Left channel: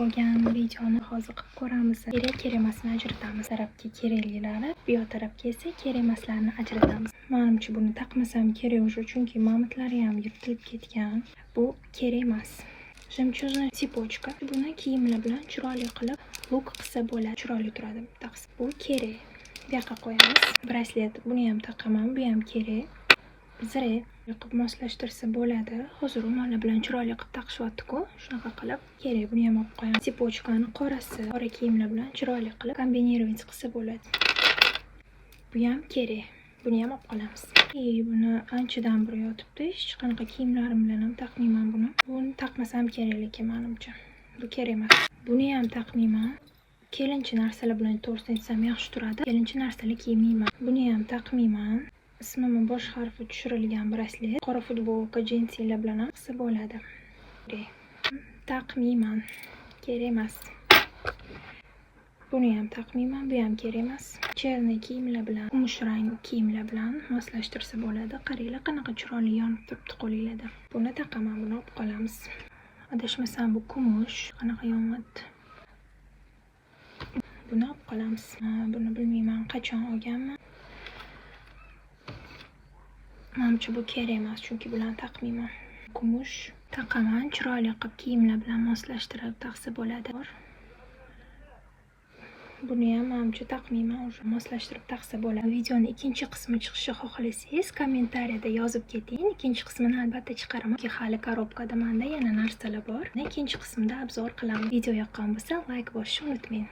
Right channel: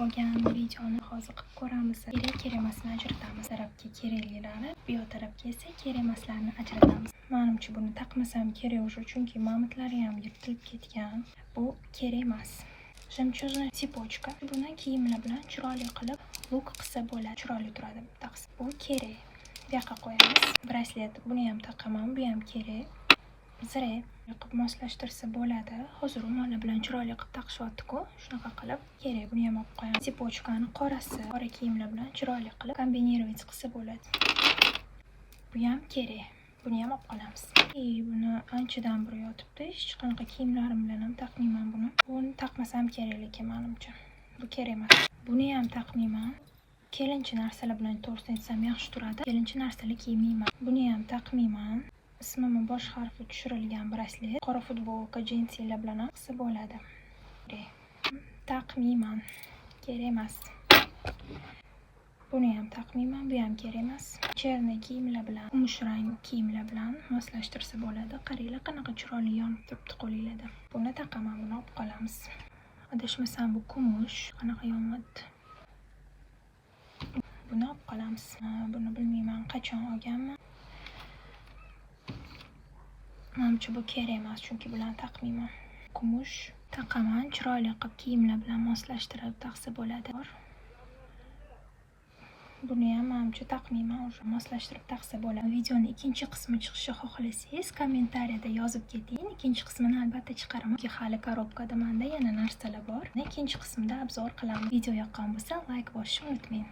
bo'lgan videoni hozir qilib ko'ramiz. Kerak emasni ajratamiz. Tarafga keraklilarni, bu yoq tarafga esa kerak emaslarni ajratamiz. Menimcha buni taqmasam kerak уже, chunki mamitlari ham yirtilib ketgan. Bu kerak emas. Jemchug'ni sipochka. Buni kiyimlar bilan chiroyli qilib luk qilsa bo'ladi. Chiroyli turadi. Bu kerak. Bu yoqqa qo'yamiz. Braslet. Buni ham taqaman, bu ham kerak. Zira qilib moslashtirsa bo'ladi. Hozir ularlar bilan chiroyli qilib taqishyapti-ku. Shunaqa qilib kerak. Buni ham olib qo'yamiz. Sipochkani qorasi, qora kiyimlar bilan chiroyli qilib kombinировать qilsa bo'ladi. Bu ham kerak. Buni ham olib qolamiz. Buni anchadan beri yotibdi. Hech qanaqa kiyimlarim bilan ham taqmayman buni. Buni taqmasam kerak lekin menimcha. Bu kerak emas. Buni ham taqmayman. Kelinchi narsalar bilan to'g'risini aytsam yaxshi turadi. Kelinchi narsalar kiymayman. Buni ham taqmayman. Ismim bosh harfi tushirilgan braslet. Qora futbolka, jinsilar bilan ham qilsa bo'ladi. Taqmayman. Kerak emas. Buni ham taqmayman, bu ham kerak emas. Cherniy kiyimlar bilan, kumush rang kiyimlar bilan moslashtirsa bo'ladi. Qaranglar, qanaqa chiroyli yonib turibdi qo'lingizda. Buni taqaman, buni olib qolamiz. Adashmasam bu kumush, qanaqa yonyapti. Buni olib qolamiz. Buni bilmayman qachon olganman. Menimcha bu kerak emas, chunki bilan taqmayman. Kumush taqaman, chiroyli qilib kiyimlar bilan moslashtirib taqsa bo'ladi. Buni ham menimcha taqmayman, уже moslashtirib taqsa bo'ladi. Videoning ikkinchi qismi chiqishini xohlasangiz, kommentariyada yozib keting. Ikkinchi qismini albatta chiqaraman. Hali korobkada menda yana narsalar bor. Ikkinchi qismda obzor qilaman. Video yoqqan bo'lsa, like bosishni unutmang.